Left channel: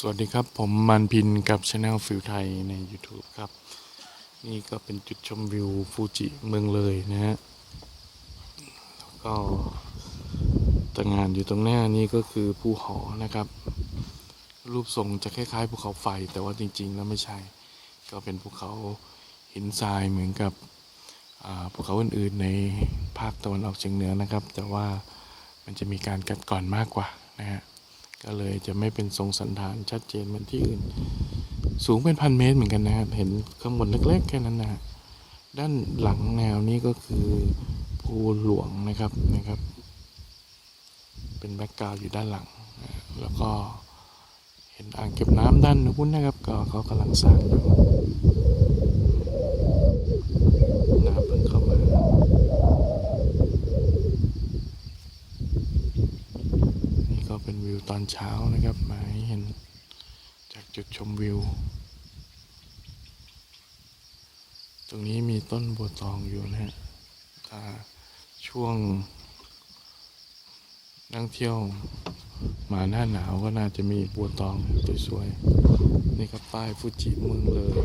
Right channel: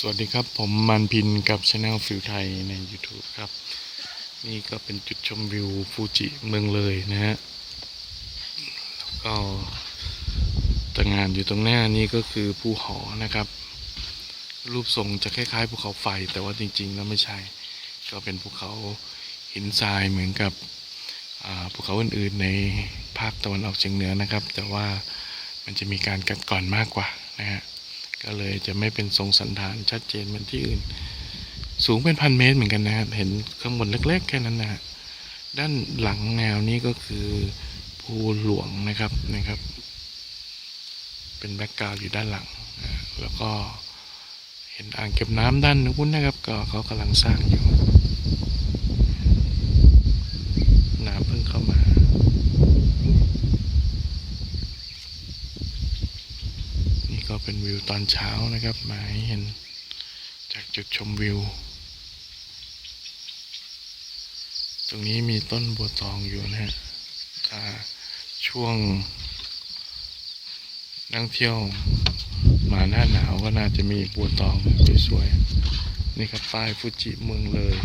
สวัสดีครับผมมันพินกับช anel ฟิวไทยใน YouTube ครับ นี่ก็เป็นจุดชมวิวฟูจิเมืองเลยนะฮะก็ตระงานอยู่ตรงหน้านี้ก็คือภูหอนะครับ รูปทรงจะคล้ายๆภูเขาไฟแต่ว่าจริงๆแล้วไม่ใช่ ก็เป็นภูเขาหินทรายเหมือนกับภูเขาอื่นๆในภาคตะวันออกเฉียงเหนือนะครับ แต่ว่ามันจะมีการกัดก่อนมากกว่านะฮะ ก็เลยจะไม่เป็นทรงสันฐานชัดเจนเหมือนที่อื่น สูงเป็นพันเมตรเหมือนกันนะครับเห็นข้างบนเล็กๆ แค่นั้นนะฮะด้านหลังแนวนี้ก็คือภูหลวงนะครับนะครับ เป็นแบ็กกราวด์อยู่ด้านหลัง แล้วก็เห็นอ่างเก็บน้ำด้านนู้นนะครับ ก็เขากำลังสร้างอยู่น้ำเพิ่งเข้ามา นี่ ก็เป็นวิวตอนเช้านะครับ มาให้เห็นจากจุดชมวิว ตรงนี้มีต้นบัวตองอยู่นะฮะช่วง นักเที่ยวมาหน้าหนาวก็น่าจะมีบัวตองสวยๆนี่ครับป้ายฟูจิเมืองเลย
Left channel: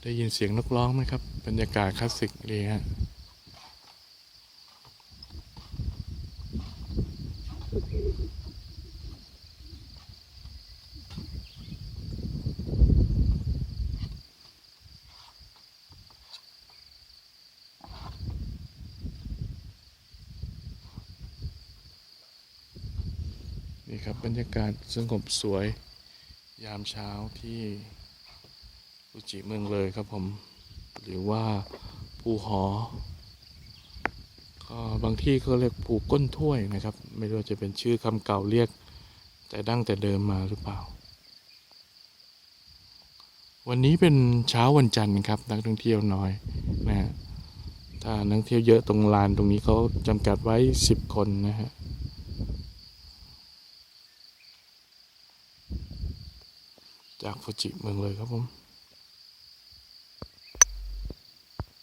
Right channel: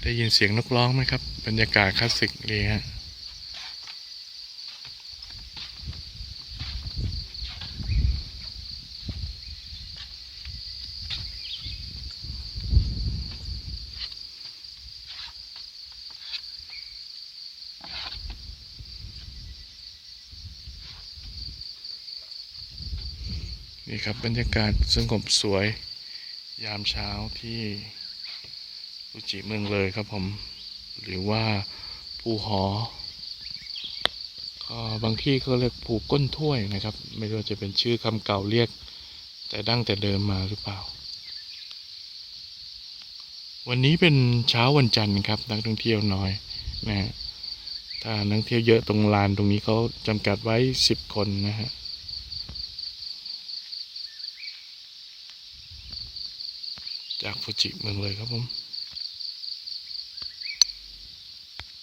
ได้ยินเสียงนกร้องไหมครับ บรรยากาศคลาสสิกเลยฮะ นี่ครับบรรยากาศสงบสวย ยามเช้าที่ฟูจิเมืองเลยครับผม หรือว่าภูหอ ก็บางที่เขาเรียกภูก้นถ้วยนะครับ ไม่รู้จะเป็นชื่อคำเก่าเรียก แต่ดั้งแต่เดิมมาหรือเปล่า วันนี้เป็นเช้าวันจันทร์ครับนักท่องเที่ยวน้อยนะฮะถ้านักท่องเที่ยวเยอะตรงลานตรงนี้เขาจำกัดไว้สิบคนนะฮะ จากฟูจิเมืองเลยครับผม